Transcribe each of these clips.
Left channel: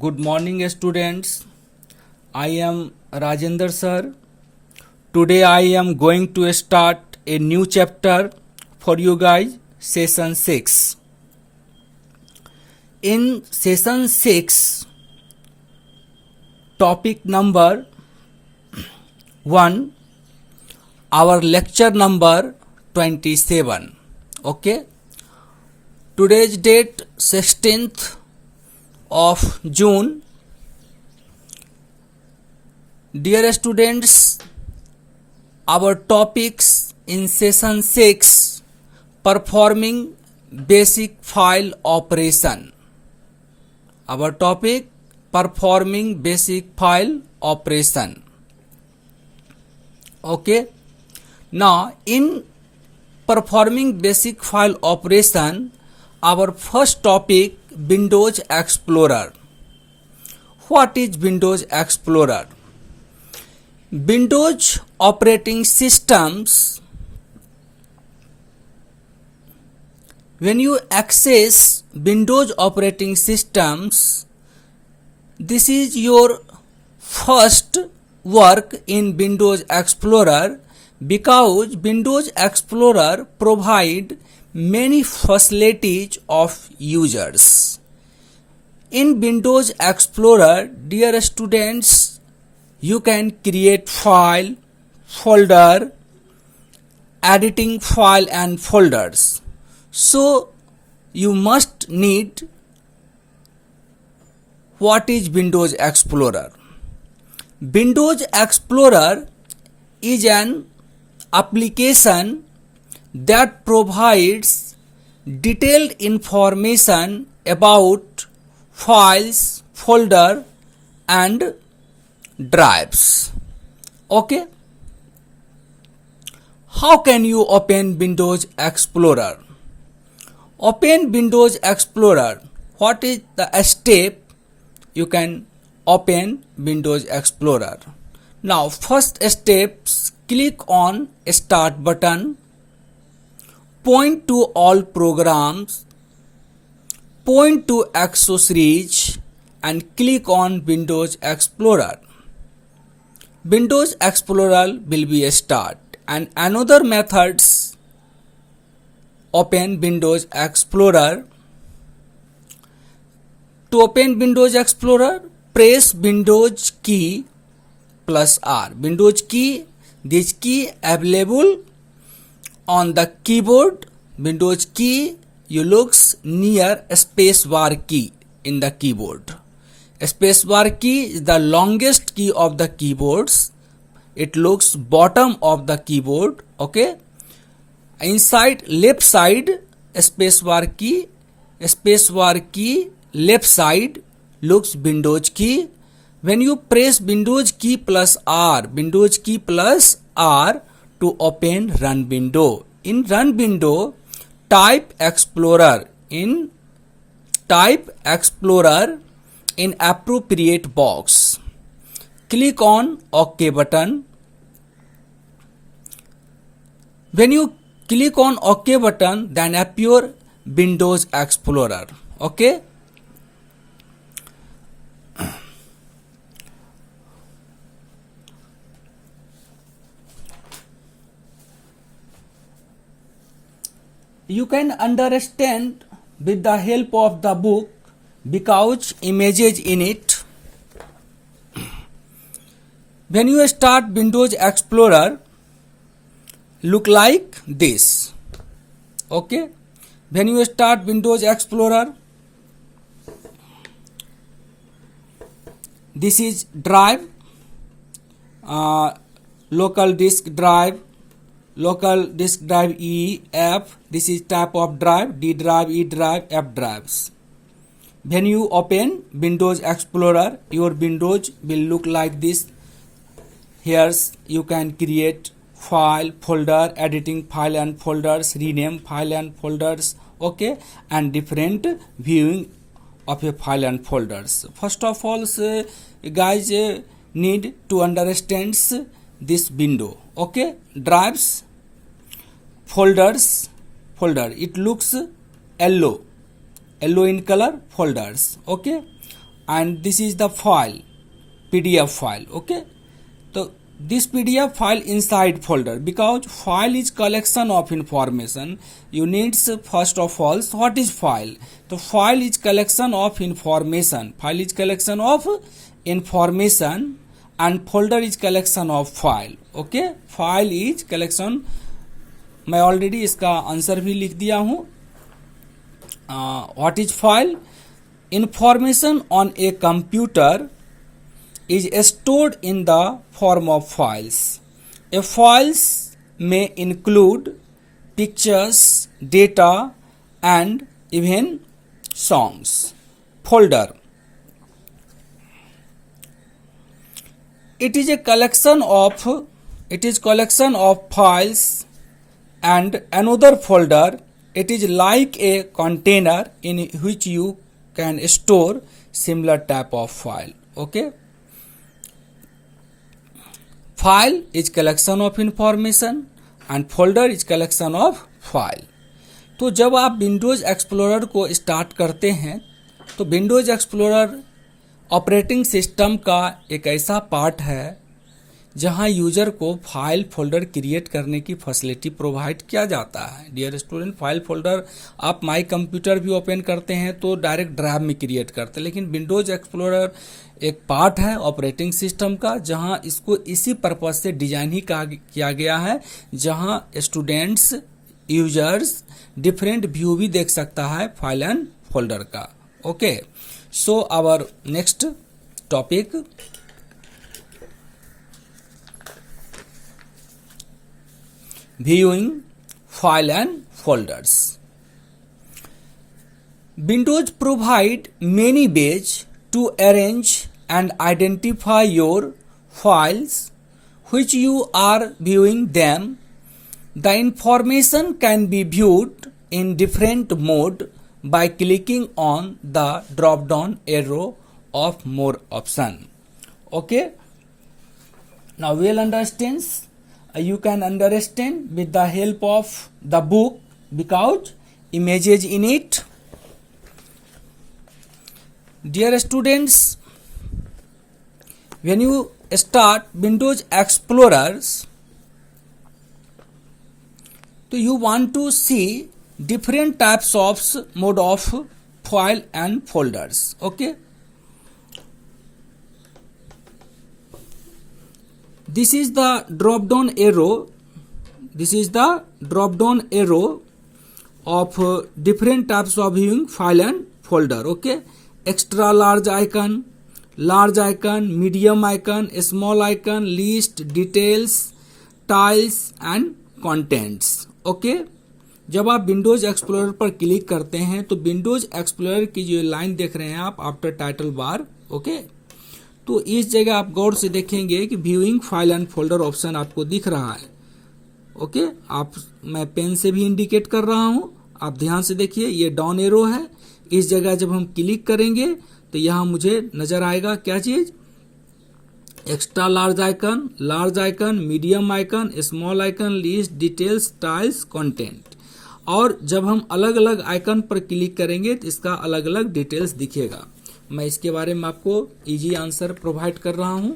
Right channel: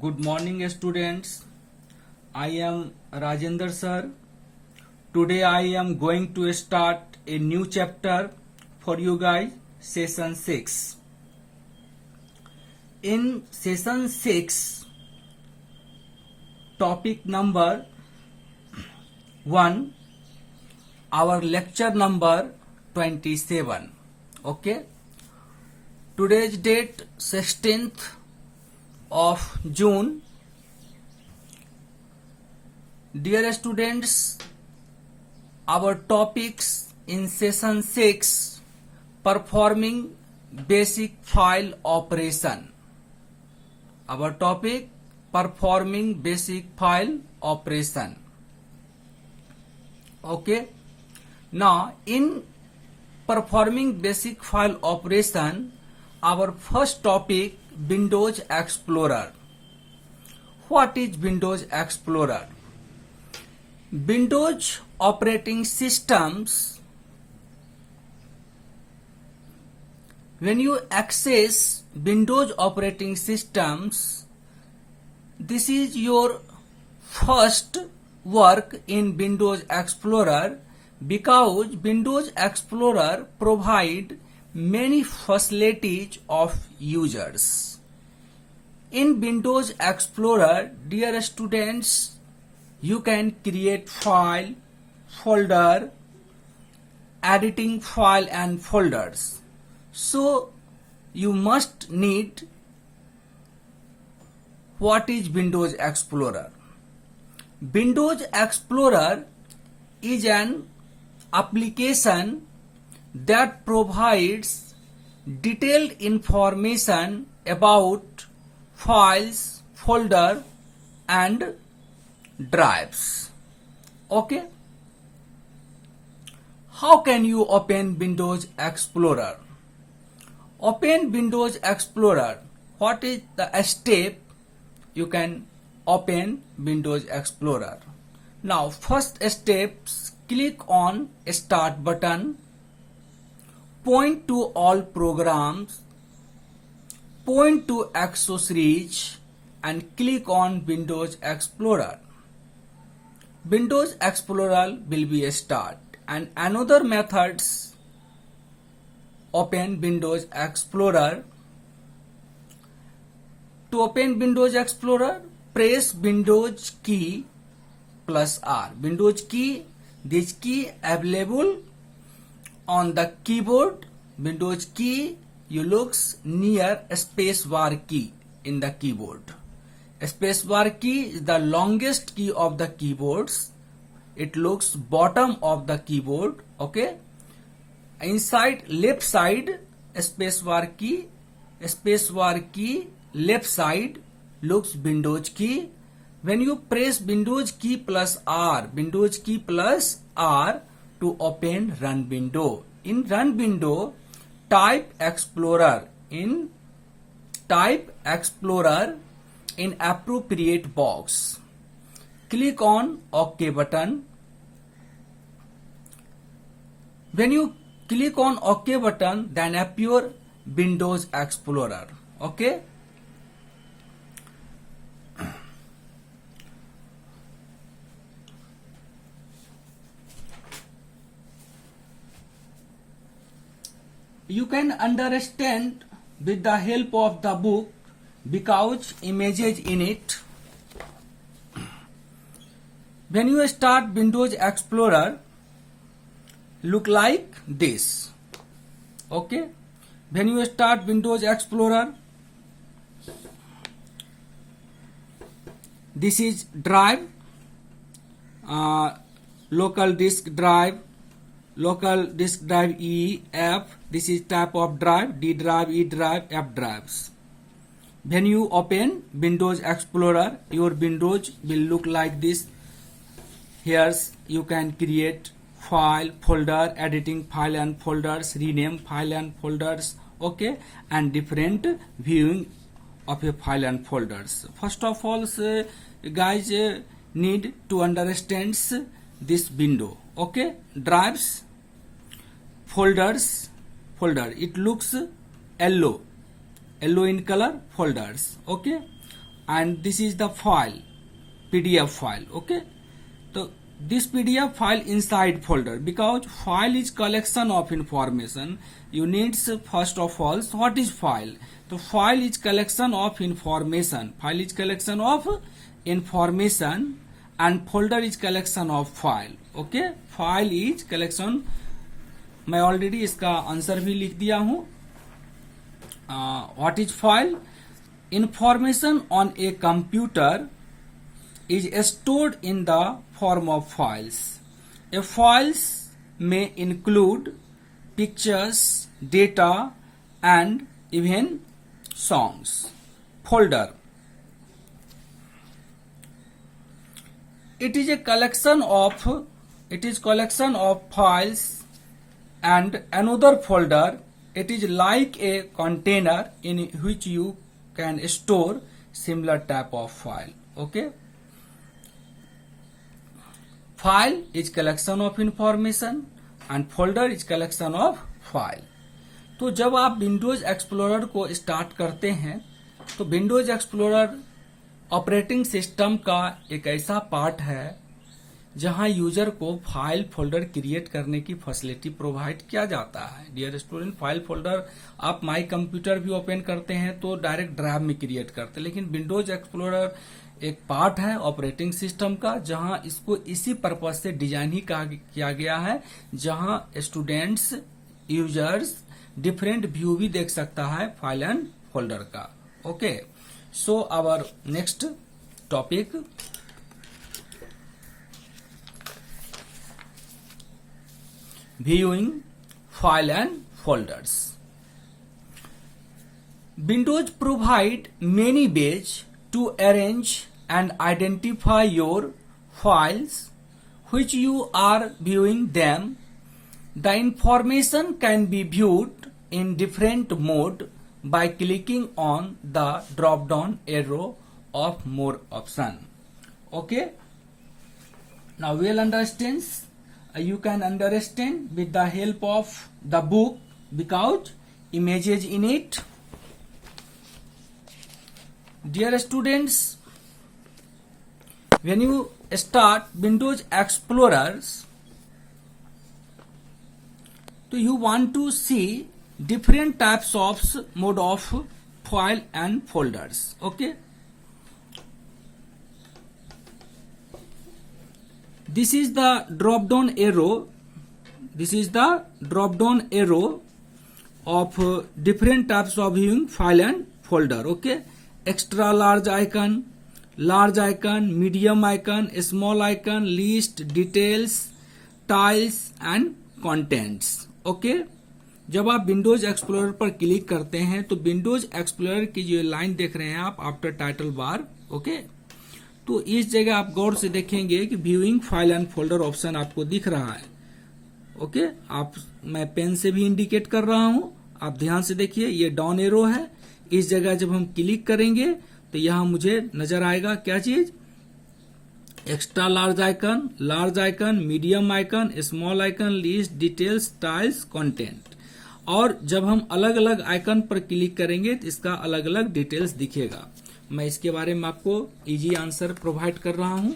Good morning, students. I am Rajendra sir. Today I am going to start a new chapter for you guys, session 6. In session 6, topic number 1, our lecture number 27. Okay. Today's date 16th of June. Dear students, our topics in session 6, performing basic file operation. Our topic, performing basic file operation. Okay. Now in performing basic file operation, our first topic, Windows Explorer. What is Windows Explorer? Windows operating systems, when you access Windows operating systems, this is your first work in Windows Explorer, because Windows Explorer provide many facilities of users. In Windows Explorer, dear students, you can create file, folder, editing file and folders. So you must need what is Windows Explorer. Windows Explorer is an application that provides detailed information about files, folder and drives. Okay. How can you open Windows Explorer? Open Windows Explorer. What is the step you can open Windows Explorer? Now first steps, click on Start button, point to all programs, point to accessories and click on Windows Explorer. Windows Explorer will be a start, and another methods open Windows Explorer. To open Windows Explorer, press Windows key plus R. Windows key, this key available on the keyboard. Windows key, you looks near spacebar key in the keyboard. Spacebar key is the longest key of the keyboards. It looks bottom of the keyboard. Okay. Inside left side, spacebar key, left side looks Windows key. When you press Windows key plus R to open Run window. In Run window, type Explorer in appropriate box. Click on OK button. When you click on OK button, then appear Windows Explorer. Okay. You can understand with the help of the book because images in it. When you start Windows Explorer, look like this. Okay. When you start Windows Explorer, this is drive, local disk drive E, F. This is type of drive, D drive, E drive, F drives. When you open Windows Explorer, your Windows will look like this. Here you can create file, folder, editing file and folders, rename file and folders. Okay, and different viewing of a file and folders. First of all, guys need to understand this window. Okay, drives, folders, it looks yellow in color, folders. Okay, and this is the file, PDF file. Okay, so this PDF file inside folder, because file is collection of information. You need first of all, what is file? The file is collection of information. File is collection of information and folder is collection of file. Okay, file is collection. मैं already इसका answer भी लिख दिया हूं. What is file? Information on a computer is stored in the form of files. A files may include pictures, data, and even songs. Folder. It is collection of files, and another folder. It is like a container in which you can store similar type of file. Okay. File is collection of information and folder is collection of file. तो जब आप Windows explorer को start करते हैं तो Windows explorer operating system का एक ऐसा पार्ट है जहां यूजर को फाइल फोल्डर क्रिएट करने की फैसिलिटी प्रोवाइड किया जाता है. डियर स्टूडेंट, फाइल फोल्डर आप माई कंप्यूटर भी ओपन करते हैं तो डायरेक्ट ड्राइव में क्रिएट करते हैं, लेकिन विंडोज एक्सप्लोरर एक पार्ट है ऑपरेटिंग सिस्टम का जहां इसको इसी पर्पज से डिजाइन ही किया गया है, जहां स्टूडेंट्स यूजर्स डिफरेंट व्यू भी देख सकता है फाइल एंड फोल्डर का. Okay, so our next topic, viewing file and folders. Windows provide many ways to arrange and identify your files which you are viewing them. The information can be viewed in different mode by clicking on the drop down arrow of more option. Okay, now we'll understand. You can understand with the help of the book because images in it. Dear students, when you start Windows Explorers, so you want to see different types of mode of file and folders. Okay, this is the drop down arrow. This is the drop down arrow of different types of viewing file and folder. Okay, extra large icon, medium icon, small icon, list, details, tiles and contents. Okay, जब आप Windows explorer पर click करते हैं तो Windows explorer की जो line देख रहे हैं आप आफ्टर टाइटल बार. ओके, तो इस जगह आप गौर से देखेंगे कि viewing file and folder option आपको दिख रहा है. ओके, आप मैं पेन से भी इंडिकेट कर रहा हूं, आप ध्यान से देखिए, ये डाउन एरो है. इस जगह जब हम क्लिक करेंगे तो यहां मुझे नजर आएगा क्या चीज, extra large icon, medium icon, small icon, list, details, tiles, content. और जब हम अलग अलग आइकन पर क्लिक करेंगे तो इसका अलग अलग डिटेल्स दिखेगा. मैं इसके बारे में आपको इजी आंसर प्रोवाइड कर रहा हूं.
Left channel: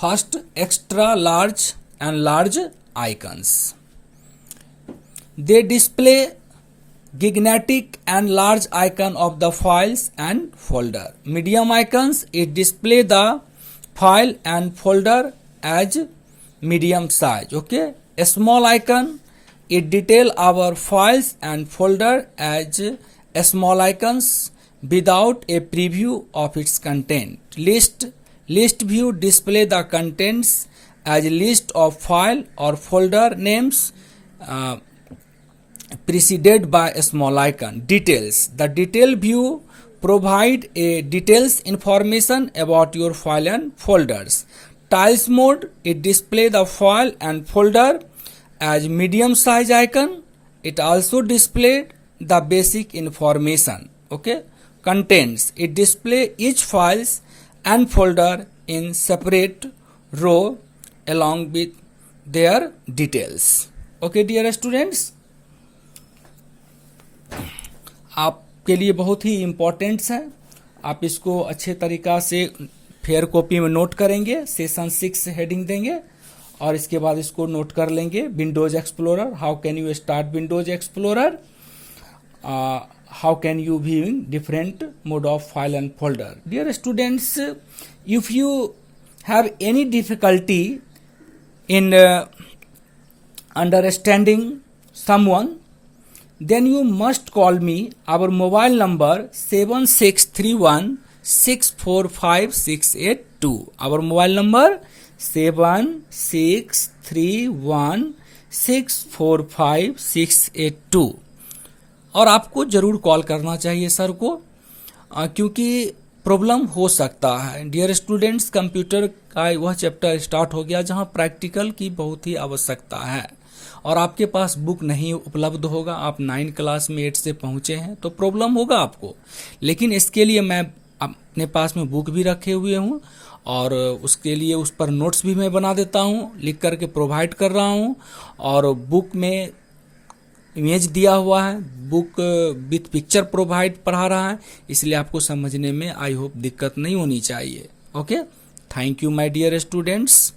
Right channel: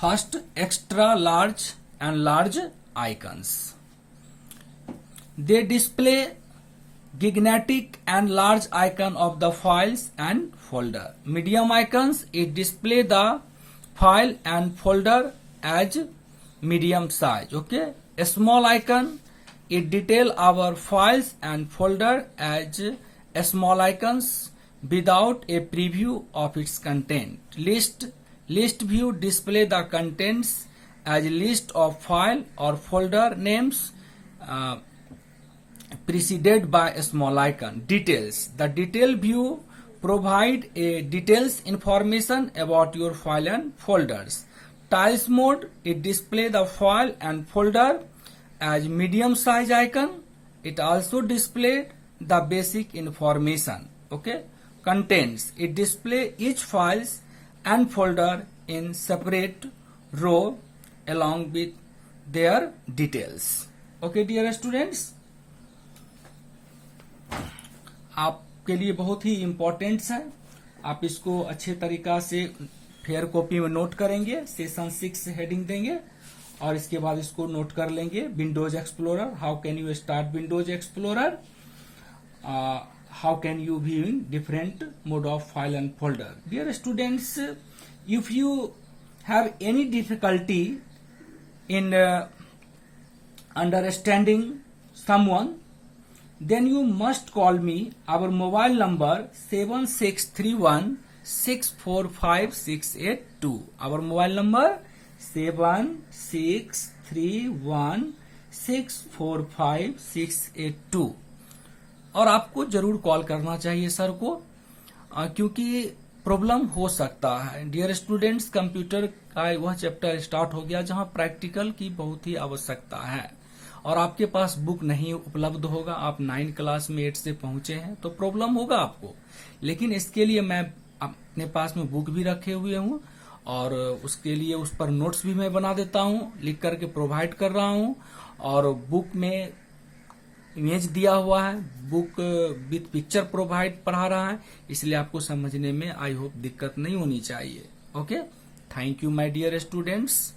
First, extra large and large icons. They display gigantic and large icon of the files and folder. Medium icons, it display the file and folder as medium size. Okay, a small icon, it detail our files and folder as small icons without a preview of its content. List view display the contents as list of file or folder names preceded by a small icon. Details, the detail view provide a details information about your file and folders. Tiles mode, it display the file and folder as medium size icon. It also display the basic information. Okay, contents, it display each files and folder in separate row along with their details. Okay, dear students, आपके लिए बहुत ही importance है। आप इसको अच्छे तरीका से fair copy में नोट करेंगे, सेशन 6 हेडिंग देंगे और इसके बाद इसको नोट कर लेंगे। Windows explorer, how can you start Windows explorer, how can you viewing different mode of file and folder. Dear students, if you have any difficulty in understanding someone, then you must call me. Our mobile number 7631645682. Our mobile number 7631645682. और आपको जरूर call करना चाहिए sir को, क्योंकि problem हो सकता है। डियर स्टूडेंट्स, कंप्यूटर का वह चैप्टर स्टार्ट हो गया जहां प्रैक्टिकल की बहुत ही आवश्यकता है और आपके पास बुक नहीं उपलब्ध होगा। आप 9 क्लास में 8 से पहुंचे हैं तो प्रॉब्लम होगा आपको, लेकिन इसके लिए मैं अपने पास में बुक भी रखे हुए हूँ और उसके लिए उस पर नोट्स भी मैं बना देता हूँ, लिख करके प्रोवाइड कर रहा हूँ। और बुक में इमेज दिया हुआ है, बुक विथ पिक्चर प्रोवाइड पढ़ा रहा है, इसलिए आपको समझने में आई होप दिक्कत नहीं होनी चाहिए। Okay, thank you my dear students.